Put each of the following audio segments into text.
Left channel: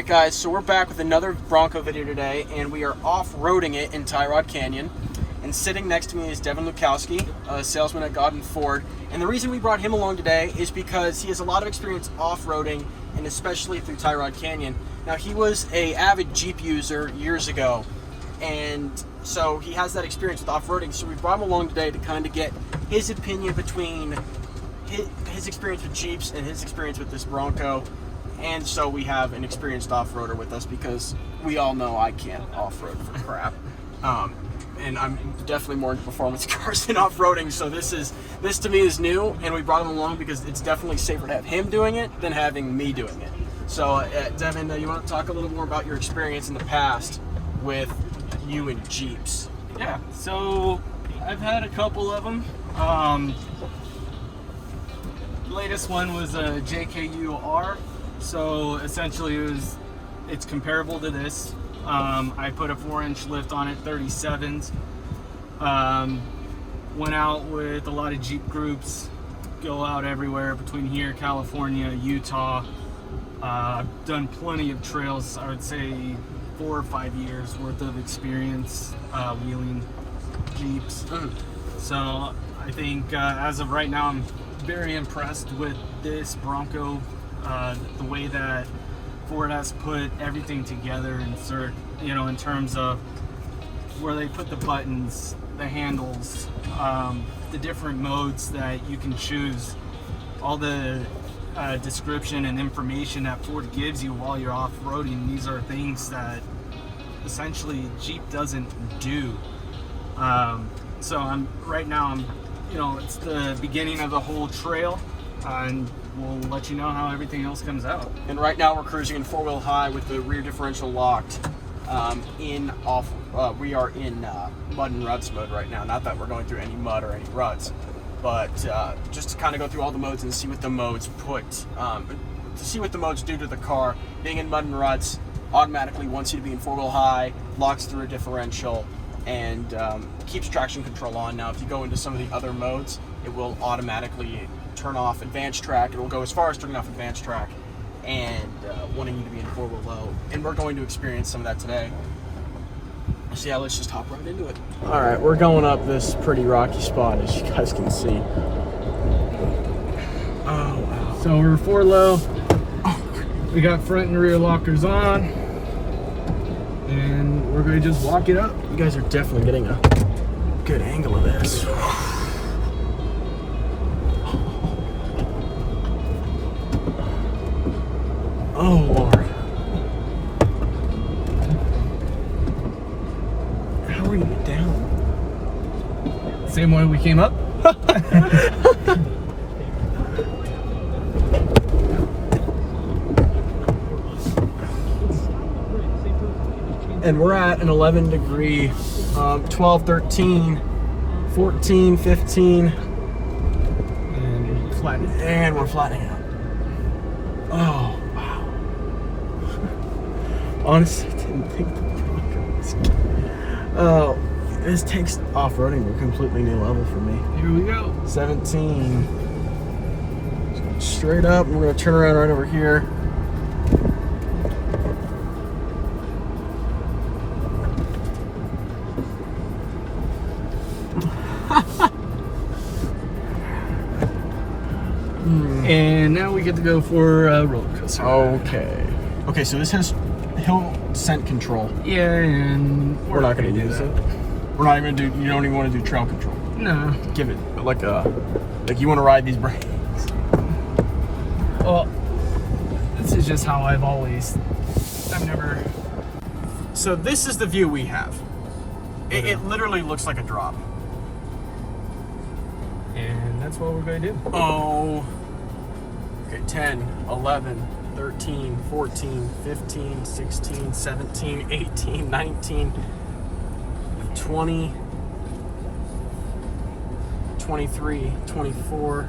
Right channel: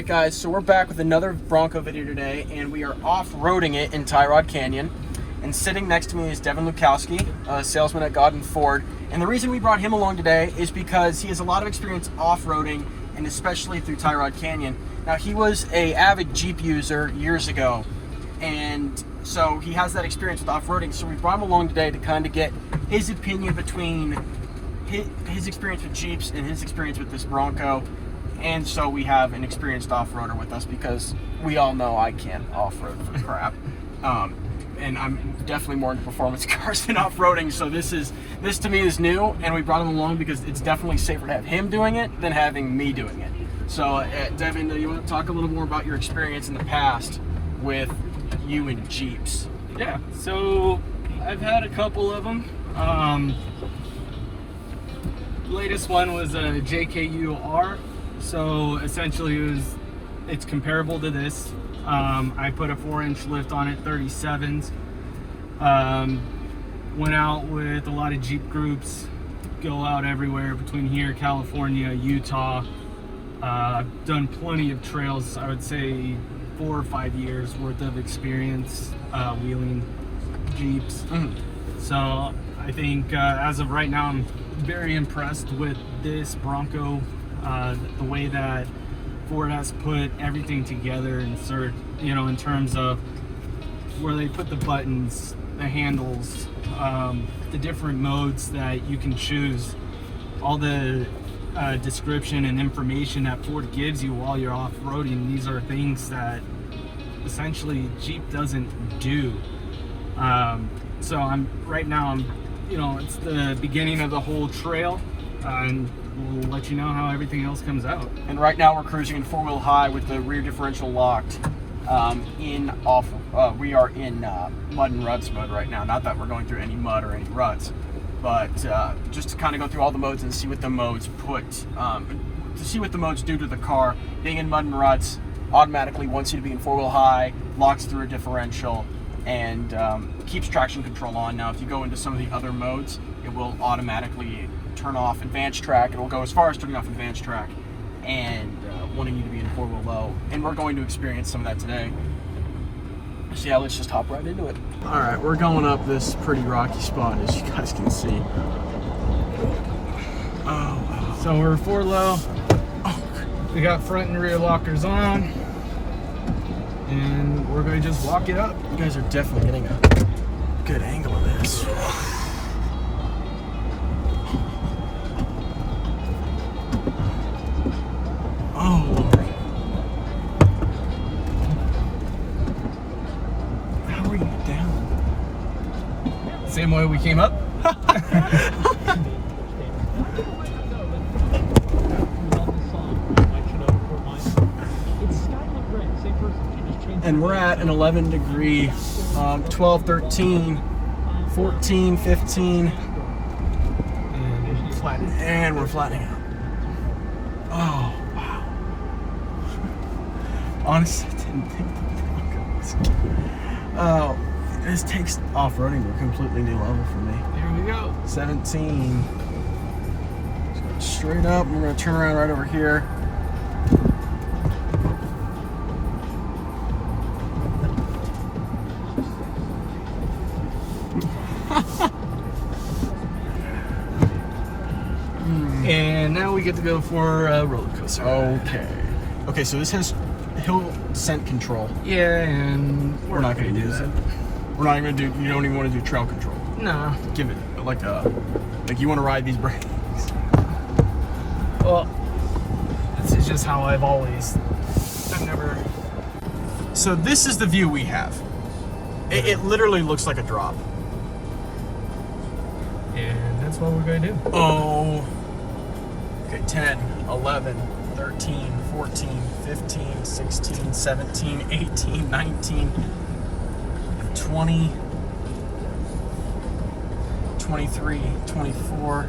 Alright guys, so we're back with another Bronco video today, and we are off-roading it in Tyrod Canyon. And sitting next to me is Devin Lukowski, a salesman at Godin Ford. And the reason we brought him along today is because he has a lot of experience off-roading, and especially through Tyrod Canyon. Now, he was an avid Jeep user years ago, and so he has that experience with off-roading. So we brought him along today to kind of get his opinion between his experience with Jeeps and his experience with this Bronco. And so we have an experienced off-roader with us because we all know I can't off-road for crap. And I'm definitely more into performance cars than off-roading, so this to me is new, and we brought him along because it's definitely safer to have him doing it than having me doing it. So Devin, you want to talk a little more about your experience in the past with you and Jeeps? Yeah, so I've had a couple of them. Latest one was a JKU-R. So essentially it's comparable to this. I put a 4-inch lift on it, 37s. Went out with a lot of Jeep groups, go out everywhere between here, California, Utah. I've done plenty of trails. I would say 4 or 5 years worth of experience wheeling Jeeps. So I think as of right now, I'm very impressed with this Bronco. The way that Ford has put everything together in terms of where they put the buttons, the handles, the different modes that you can choose, all the description and information that Ford gives you while you're off-roading. These are things that essentially Jeep doesn't do. So right now it's the beginning of the whole trail, and we'll let you know how everything else comes out. And right now we're cruising in 4-wheel high with the rear differential locked. We are in mud and ruts mode right now. Not that we're going through any mud or any ruts, but just to kind of go through all the modes and see what the modes do to the car. Being in mud and ruts automatically wants you to be in 4-wheel high, locks through a differential, and keeps traction control on. Now, if you go into some of the other modes, it will automatically turn off advanced track. It will go as far as turning off advanced track and wanting you to be in 4-wheel low. And we're going to experience some of that today. So yeah, let's just hop right into it. All right, we're going up this pretty rocky spot, as you guys can see. So we're 4 low. We got front and rear lockers on, and we're going to just walk it up. You guys are definitely getting a good angle of this. Oh, Lord. How are you down? Same way we came up. And we're at an 11 degree, 12, 13, 14, 15. And flattening. And we're flattening out. Oh. Honestly, I didn't think the Bronco was good. Oh, this takes off-roading to a completely new level for me. Here we go. 17. Straight up, we're going to turn around right over here. And now we get to go for a roller coaster. Okay, so this has hill descent control. Yeah, and we're not going to use it. We're not even going to do, you don't even want to do trail control. No. Give it like you want to ride these brakes. Well, this is just how I've never. So this is the view we have. It literally looks like a drop. And that's what we're going to do. Oh. Okay, 10, 11, 13, 14, 15, 16, 17, 18, 19, 20, 23, 24,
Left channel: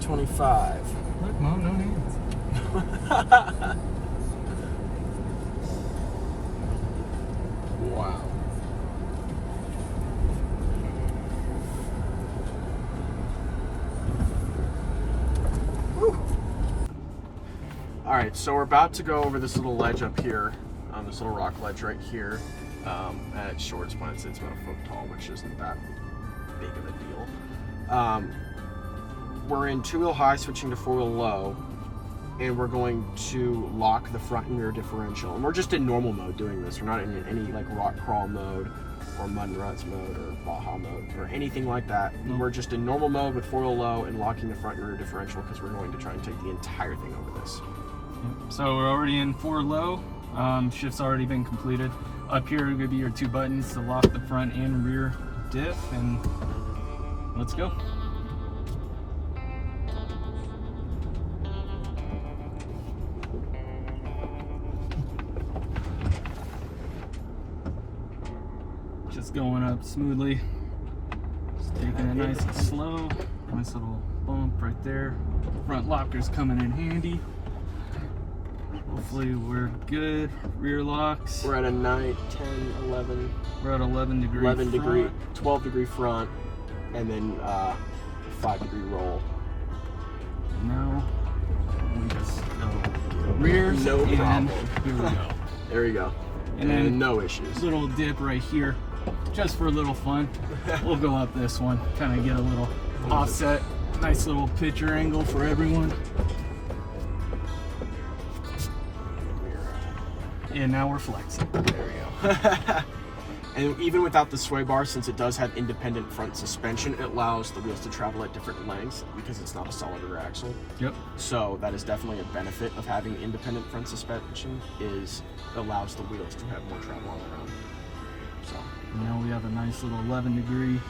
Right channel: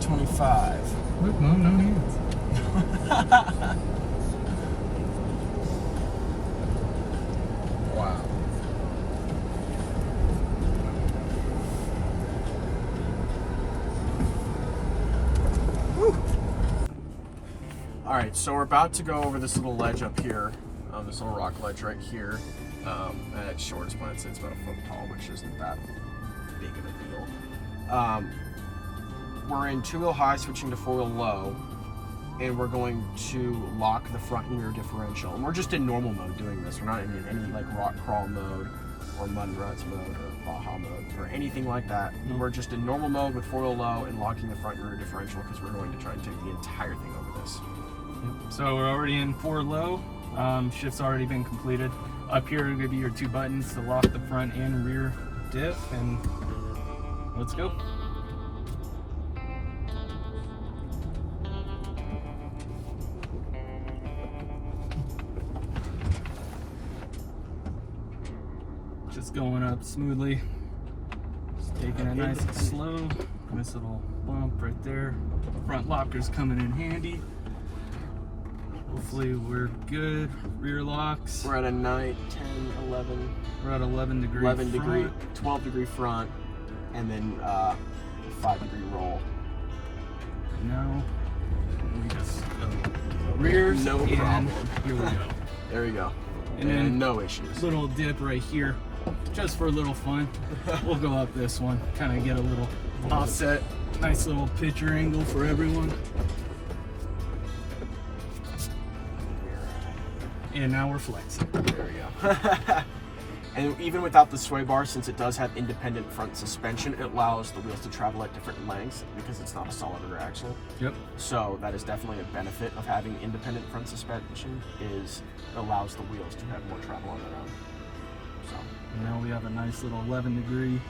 25. Look, Mom, no hands. Wow. right, so we're about to go over this little ledge up here, this little rock ledge right here. At its shortest point, it's about a foot tall, which isn't that big of a deal. We're in 2-wheel high, switching to 4-wheel low, and we're going to lock the front and rear differential. And we're just in normal mode doing this. We're not in any like rock crawl mode or mud and ruts mode or Baja mode or anything like that. We're just in normal mode with 4-wheel low and locking the front and rear differential because we're going to try and take the entire thing over this. So we're already in 4 low. Shift's already been completed. Up here are going to be your 2 buttons to lock the front and rear diff, and let's go. Just going up smoothly. Just taking it nice and slow. Nice little bump right there. Front locker's coming in handy. Hopefully we're good. Rear locks. We're at a 9, 10, 11. We're at 11 degree. 12 degree front, and then 5 degree roll. Now we just rears. No problem. Here we go. There we go. And then no issues. Little dip right here, just for a little fun. We'll go up this one, kind of get a little offset. Nice little picture angle for everyone. And now we're flexing. There we go. And even without the sway bar, since it does have independent front suspension, it allows the wheels to travel at different lengths because it's not a solid rear axle. Yep. So that is definitely a benefit of having independent front suspension, is it allows the wheels to have more travel on their own. So now we have a nice little 11 degree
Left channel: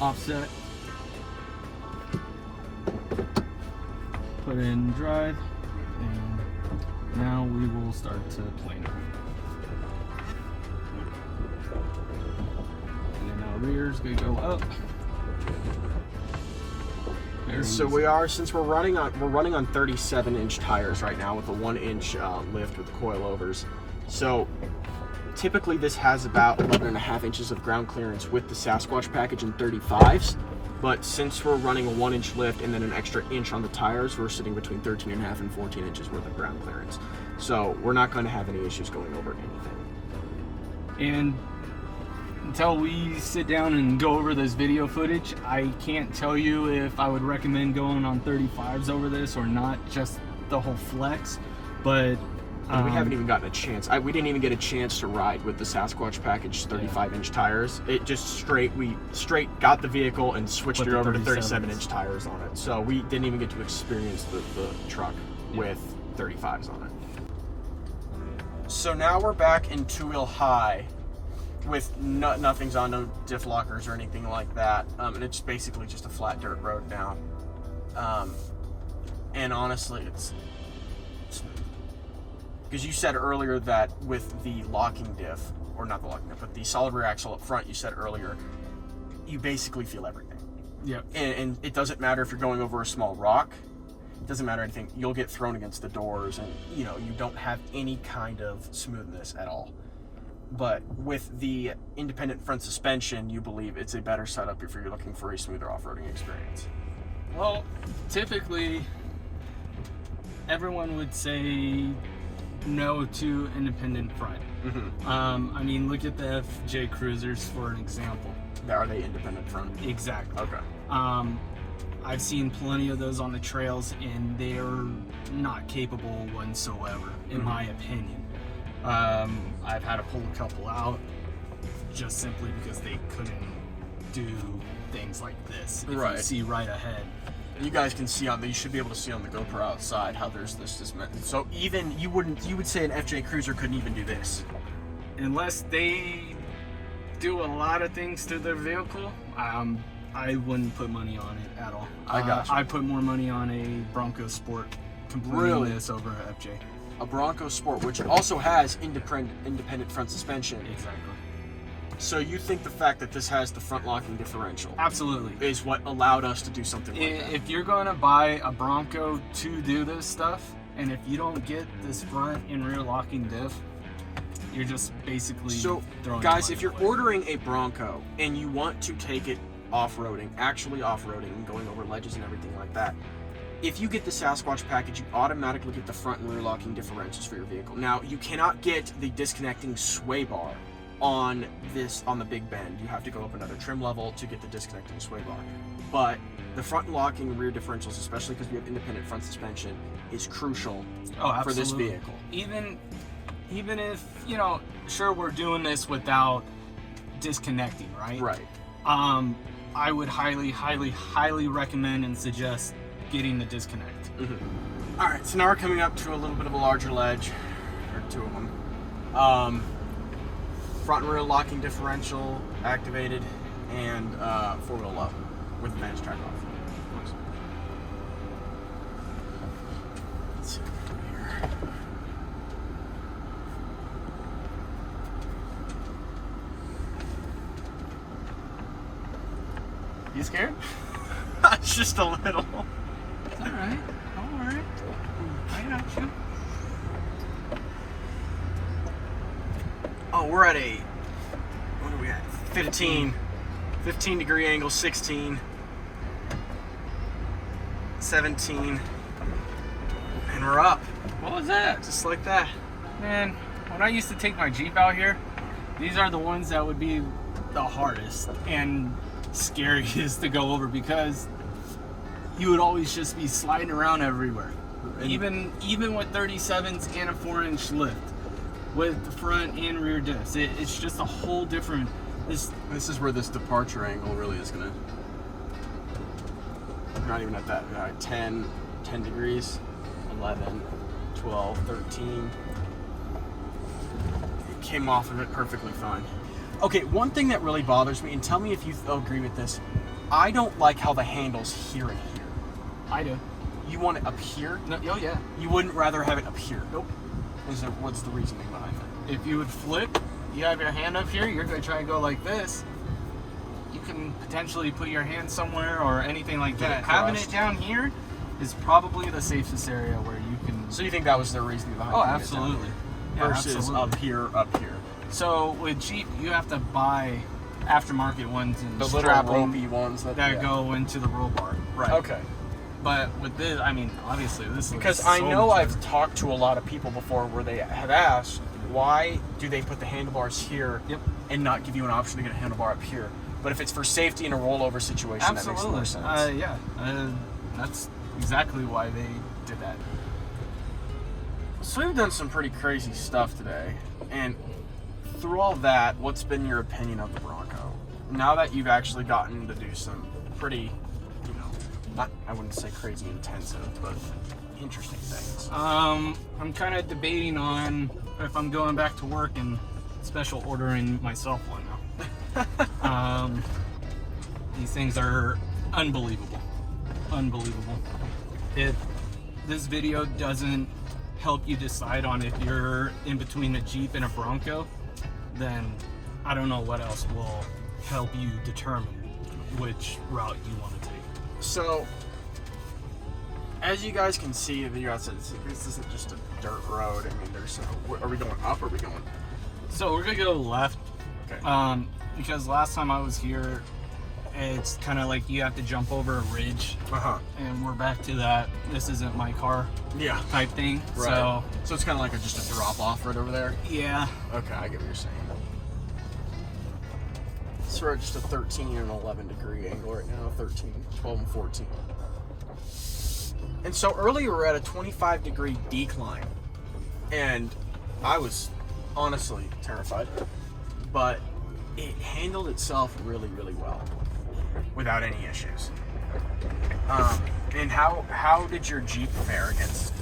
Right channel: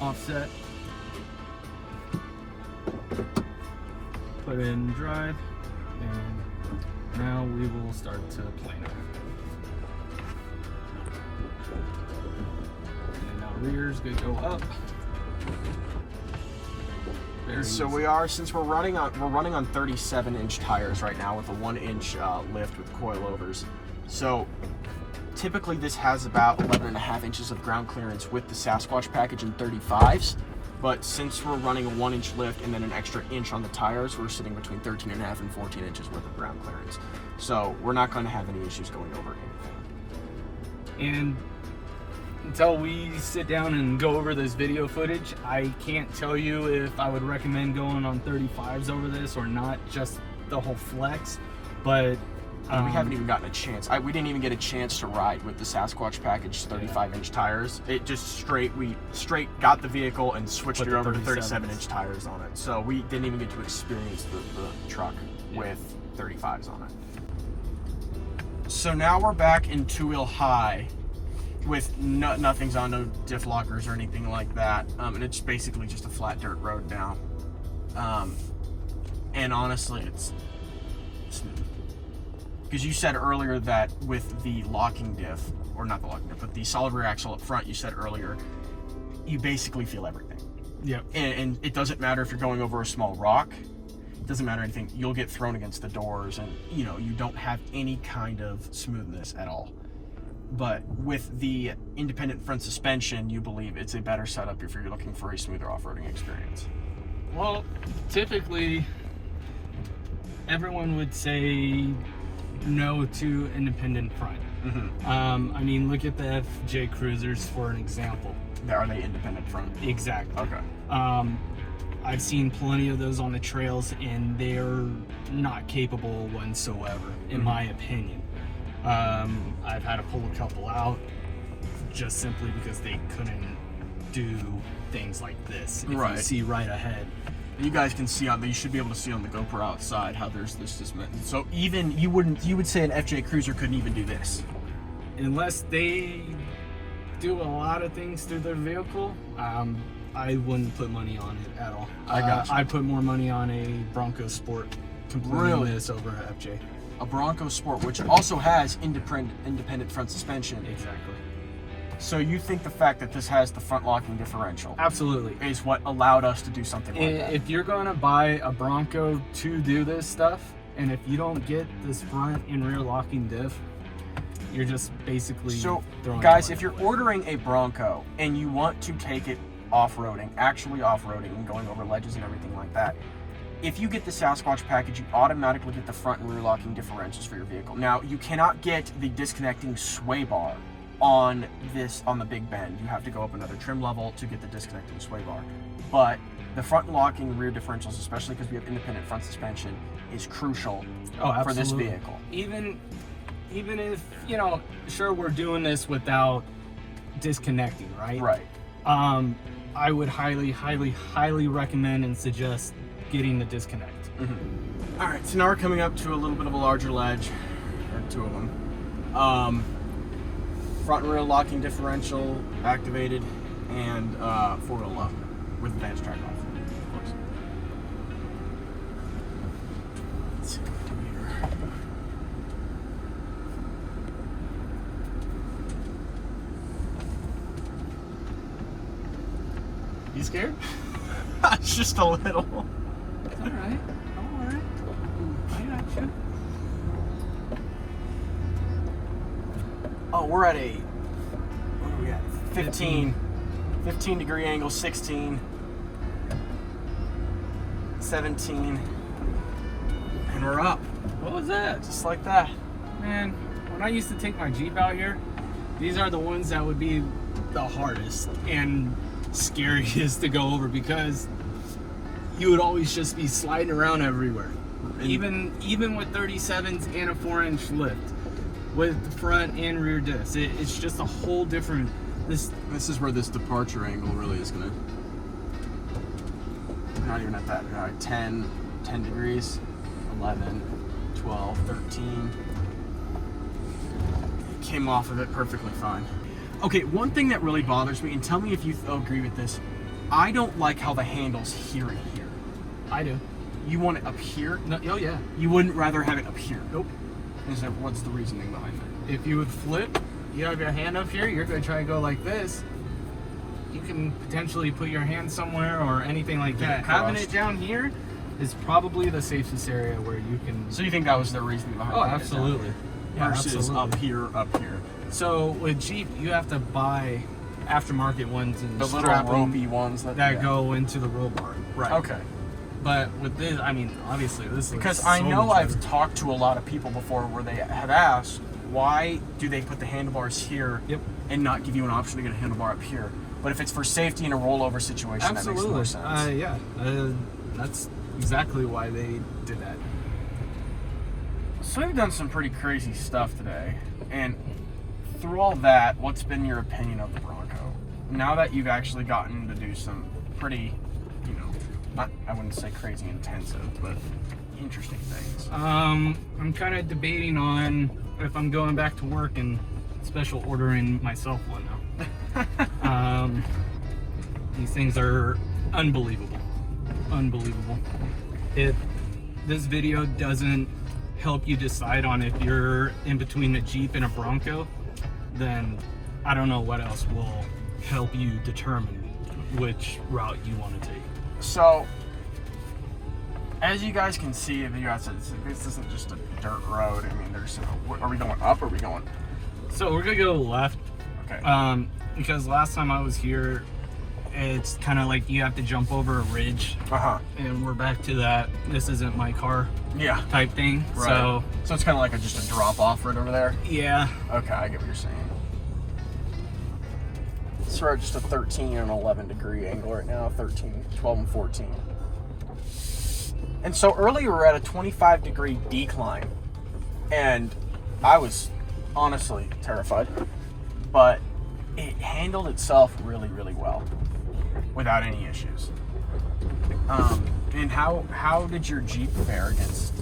offset. Put it in drive, and now we will start to plane it. And now rear's gonna go up. So we are, since we're running on 37-inch tires right now with a 1-inch lift with coilovers. So typically this has about 11.5 inches of ground clearance with the Sasquatch package in 35s. But since we're running a 1-inch lift and then an extra inch on the tires, we're sitting between 13.5 and 14 inches worth of ground clearance. So we're not going to have any issues going over anything. And until we sit down and go over this video footage, I can't tell you if I would recommend going on 35s over this or not, just the whole flex. But we haven't even gotten a chance. We didn't even get a chance to ride with the Sasquatch package 35-inch tires. It just we straight got the vehicle and switched it over to 37-inch tires on it. So we didn't even get to experience the truck with 35s on it. So now we're back in 2-wheel high with nothing's on, no diff lockers or anything like that. And it's basically just a flat dirt road now. And honestly, it's smooth. Because you said earlier that with the locking diff, or not the locking diff, but the solid rear axle up front, you said earlier, you basically feel everything. Yep. And it doesn't matter if you're going over a small rock. It doesn't matter anything. You'll get thrown against the doors, and you don't have any kind of smoothness at all. But with the independent front suspension, you believe it's a better setup if you're looking for a smoother off-roading experience. Well, typically, everyone would say no to independent front. Mm-hmm. I mean, look at the FJ Cruisers for an example. Are they independent front? Exactly. Okay. I've seen plenty of those on the trails, and they're not capable whatsoever, in my opinion. I've had to pull a couple out just simply because they couldn't do things like this. If you see right ahead. You guys can see you should be able to see on the GoPro outside how there's this. So even you would say an FJ Cruiser couldn't even do this, unless they do a lot of things to their vehicle. I wouldn't put money on it at all. I got you. I put more money on a Bronco Sport completely this over FJ. A Bronco Sport, which also has independent front suspension. Exactly. So you think the fact that this has the front locking differential absolutely is what allowed us to do something like that? If you're going to buy a Bronco to do this stuff, and if you don't get this front and rear locking diff, you're just basically throwing guys, if you're ordering a Bronco and you want to take it off-roading, actually off-roading and going over ledges and everything like that, if you get the Sasquatch package, you automatically get the front and rear locking differentials for your vehicle. Now, you cannot get the disconnecting sway bar on the Big Bend. You have to go up another trim level to get the disconnecting sway bar. But the front locking rear differentials, especially because we have independent front suspension, is crucial for this vehicle. Even if, you know, sure, we're doing this without disconnecting, right? Right. I would highly recommend and suggest getting the disconnect. Mm-hmm. All right, so now we're coming up to a little bit of a larger ledge, or two of them. Front and rear locking differential activated, and four-wheel up with advanced track off. Of course. Let's see what we do here. You scared? Just a little. All right. I got you. Oh, we're at what are we at? 15 degree angle, 16, 17, and we're up. What was that? Just like that. Man, when I used to take my Jeep out here, these are the ones that would be the hardest and scariest to go over, because you would always just be sliding around everywhere. Even with 37s and a 4-inch lift, with the front and rear discs, it's just a whole different. This is where this departure angle really is gonna. Not even at that. All right, 10 degrees, 11, 12, 13. It came off of it perfectly fine. Okay, one thing that really bothers me, and tell me if you agree with this, I don't like how the handle's here and here. I do. You want it up here? No, oh yeah. You wouldn't rather have it up here? Nope. What's the reasoning behind that? If you would flip, you have your hand up here, you're going to try to go like this. You can potentially put your hand somewhere or anything like that. Having it down here is probably the safest area where you can. So you think that was the reasoning behind it? Oh, absolutely. Yeah, versus absolutely. up here. So with Jeep, you have to buy aftermarket ones and The little ropey ones that go into the roll bar. Right. Okay. But with this, I mean, obviously this because is I so know much I've better. talked to a lot of people before where they have asked, why do they put the handlebars here and not give you an option to get a handlebar up here? But if it's for safety in a rollover situation, that makes more sense. Yeah, that's exactly why they did that. So we've done some pretty crazy stuff today, and through all that, what's been your opinion of the Bronco? Now that you've actually gotten to do some pretty, I wouldn't say crazy intensive, but interesting things. I'm kind of debating on if I'm going back to work and special ordering myself one now. These things are unbelievable. If this video doesn't help you decide on if you're in between a Jeep and a Bronco, then I don't know what else will help you determine which route you want to take. So, as you guys can see, the video outside, this isn't just a dirt road. I mean, are we going up or are we going? So we're gonna go left. Okay. Because last time I was here, it's kind of like you have to jump over a ridge. And we're back to that. This isn't my car. Yeah. Type thing. Right. So it's kind of like just a drop off right over there. Yeah. Okay, I get what you're saying. So we're at just a 13 and 11 degree angle right now, 13, 12, and 14. And so earlier we were at a 25 degree decline, and I was honestly terrified, but it handled itself really, really well without any issues. And how did your Jeep fare against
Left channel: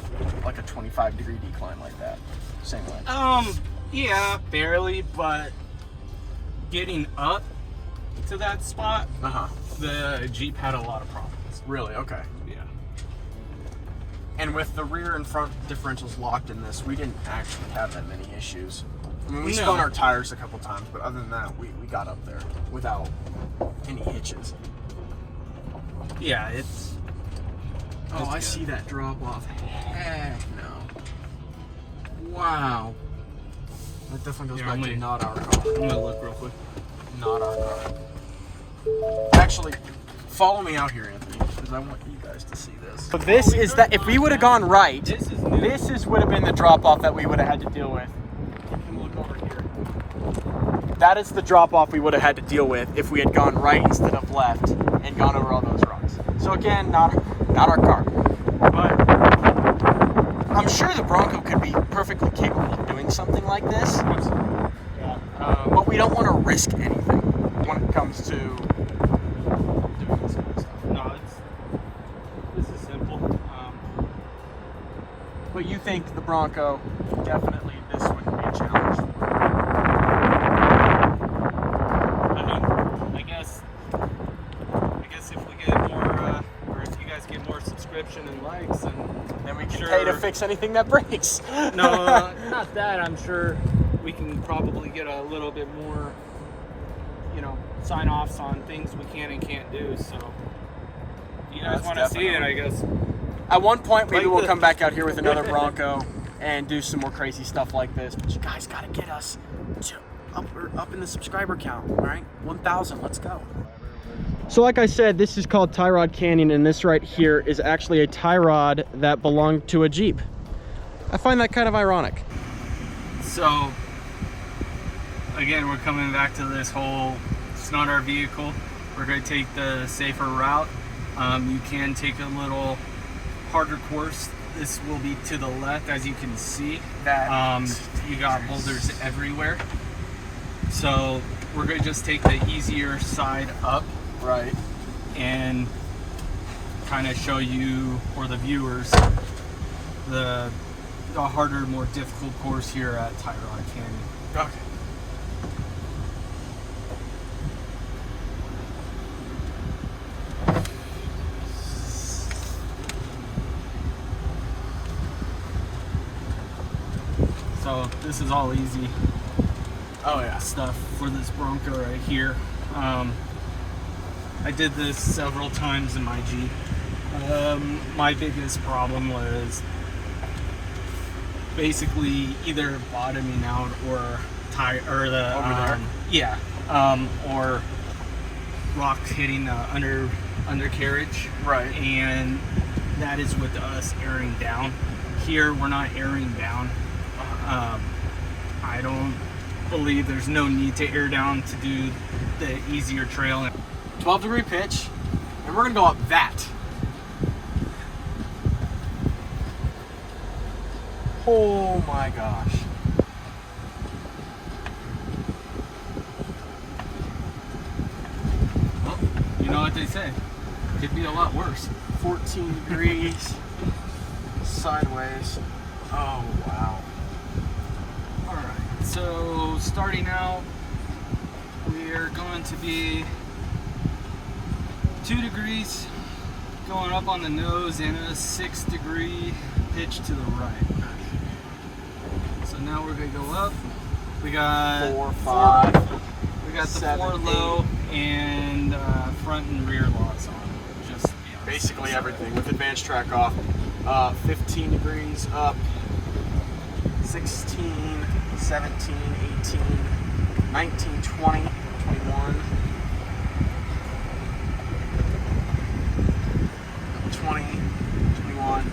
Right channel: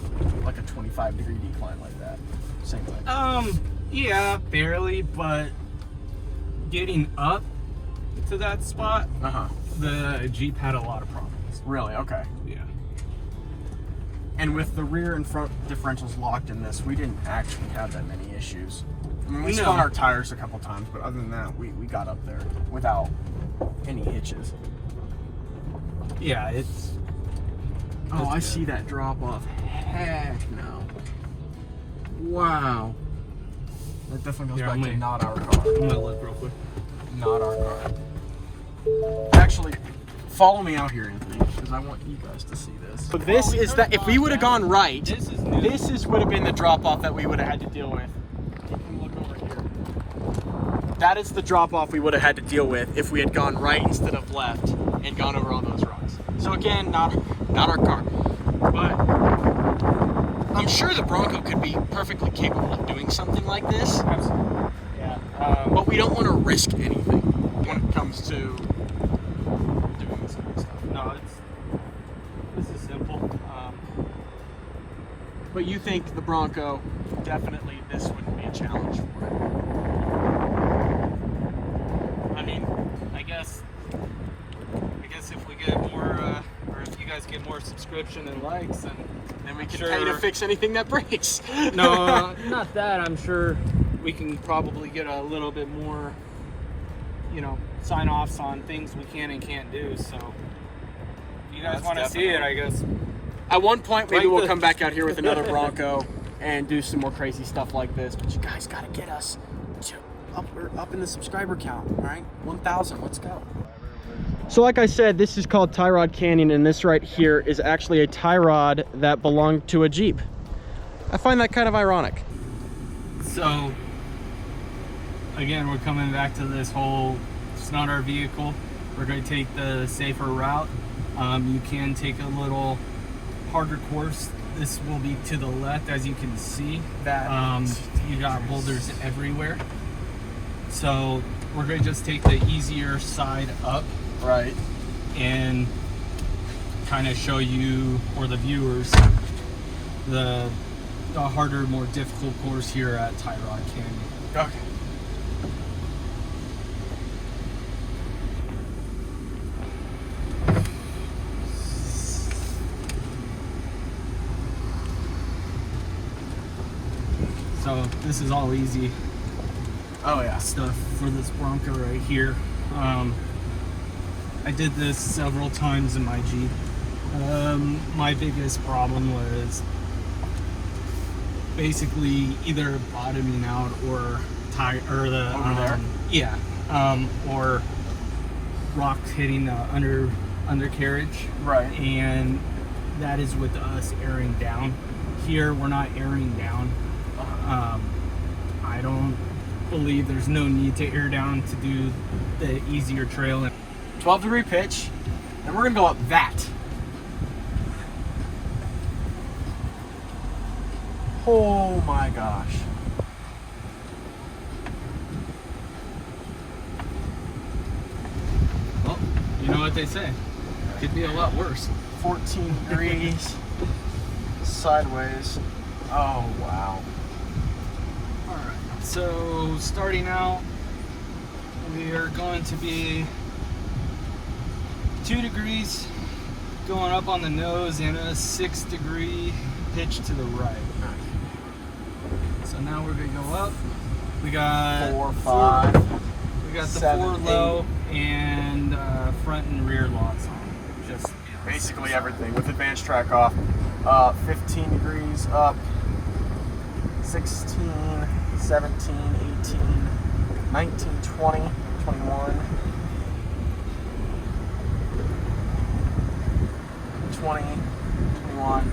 like a 25 degree decline like that? Same way. Yeah, barely, but getting up to that spot, the Jeep had a lot of problems. Really? Okay. Yeah. And with the rear and front differentials locked in this, we didn't actually have that many issues. I mean, we spun our tires a couple times, but other than that, we got up there without any hitches. Yeah, it's... Oh, I see that drop off. Heck no. Wow. That definitely goes back to not our car. I'm gonna look real quick. Not our car. Actually, follow me out here, Anthony. because I want you guys to see this. So this is that, if we would have gone right, this would have been the drop-off that we would have had to deal with. You can look over here. That is the drop-off we would have had to deal with if we had gone right instead of left and gone over all those rocks. So again, not our car. But I'm sure the Bronco could be perfectly capable of doing something like this. Yeah. But we don't want to risk anything when it comes to doing this kind of stuff. No, this is simple. But you think the Bronco, definitely this wouldn't be a challenge. I mean, I guess if we get more, or if you guys get more subscription and likes, and then we can pay to fix anything that breaks. No, not that. I'm sure we can probably get a little bit more, you know, sign-offs on things we can and can't do. So if you guys want to see it, I guess. At one point, maybe we'll come back out here with another Bronco and do some more crazy stuff like this. But you guys got to get us up in the subscriber count, all right? 1,000, let's go. So like I said, this is called Tie Rod Canyon, and this right here is actually a tie rod that belonged to a Jeep. I find that kind of ironic. So, again, we're coming back to this whole, it's not our vehicle. We're going to take the safer route. You can take a little harder course. This will be to the left, as you can see. You got boulders everywhere. So we're going to just take the easier side up. Right. And kind of show you, or the viewers, the harder, more difficult course here at Tie Rod Canyon. Okay. So this is all easy. Oh yeah. Stuff for this Bronco right here. I did this several times in my Jeep. My biggest problem was basically either bottoming out or or rocks hitting the undercarriage. Right. And that is with us airing down. Here we're not airing down. I don't believe there's no need to air down to do the easier trail. 12-degree pitch, and we're gonna go up that. Oh my gosh. Well, you know what they say, could be a lot worse. 14 degrees sideways. Oh wow. Alright, so starting out, we are going to be 2 degrees going up on the nose and a 6-degree pitch to the right. So now we're going to go up. We got 4, 5. We got the 7, 4 low and front and rear locks on. Just basically everything with advanced track off. 15 degrees up. 16, 17, 18, 19, 20, 21. 20, 21.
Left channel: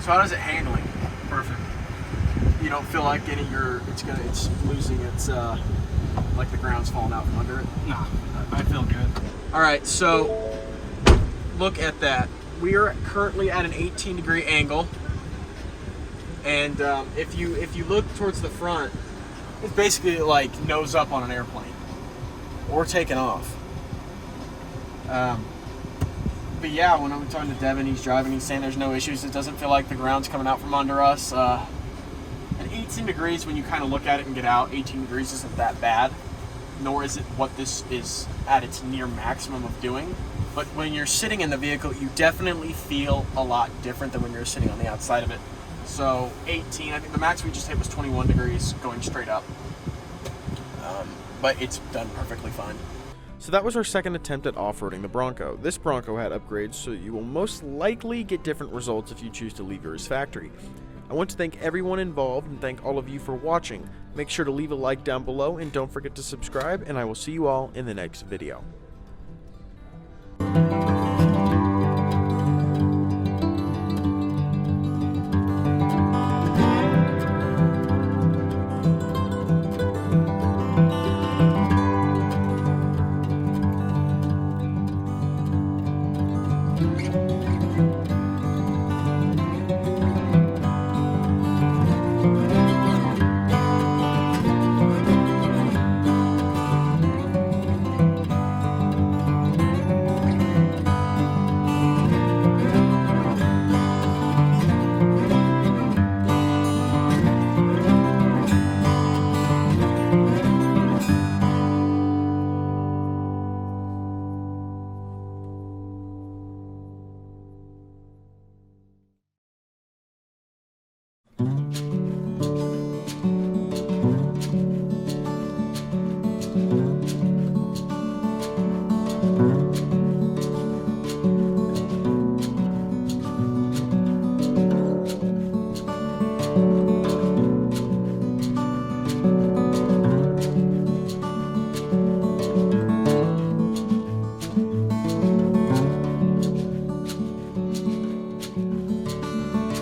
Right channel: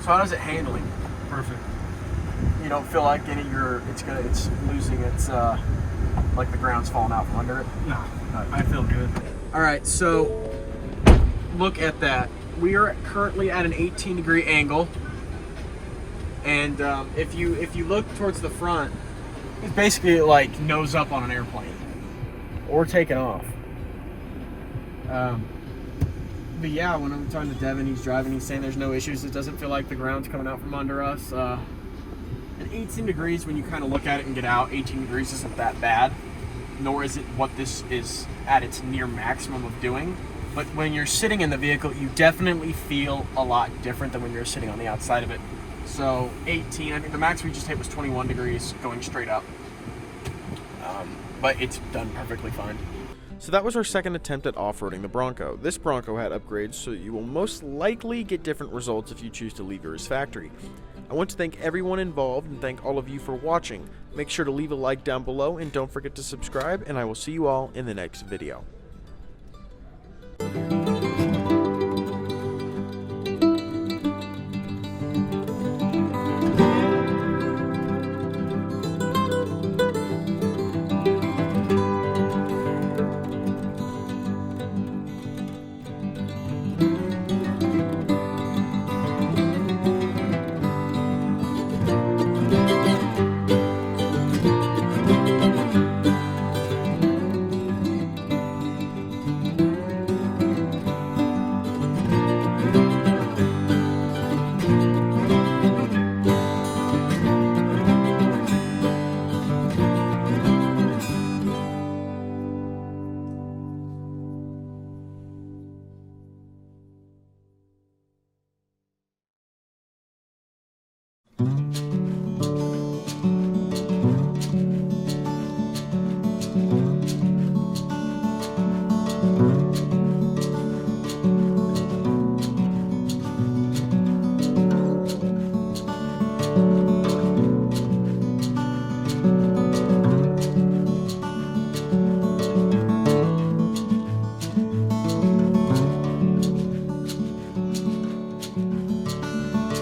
So how does it handling? perfect. You don't feel like it's losing its like the ground's falling out from under it? No, I feel good. All right, so look at that. We are currently at an 18-degree angle, and if you look towards the front, it's basically like nose up on an airplane or taking off. But yeah, when I'm talking to Devin, he's driving, he's saying there's no issues. It doesn't feel like the ground's coming out from under us. And 18 degrees, when you kind of look at it and get out, 18 degrees isn't that bad, nor is it what this is at its near maximum of doing. But when you're sitting in the vehicle, you definitely feel a lot different than when you're sitting on the outside of it. So 18, I think the max we just hit was 21 degrees going straight up. But it's done perfectly fine. So that was our second attempt at off-roading the Bronco. This Bronco had upgrades, so you will most likely get different results if you choose to leave yours factory. I want to thank everyone involved and thank all of you for watching. Make sure to leave a like down below and don't forget to subscribe, and I will see you all in the next video.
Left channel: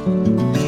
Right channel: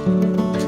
Bye.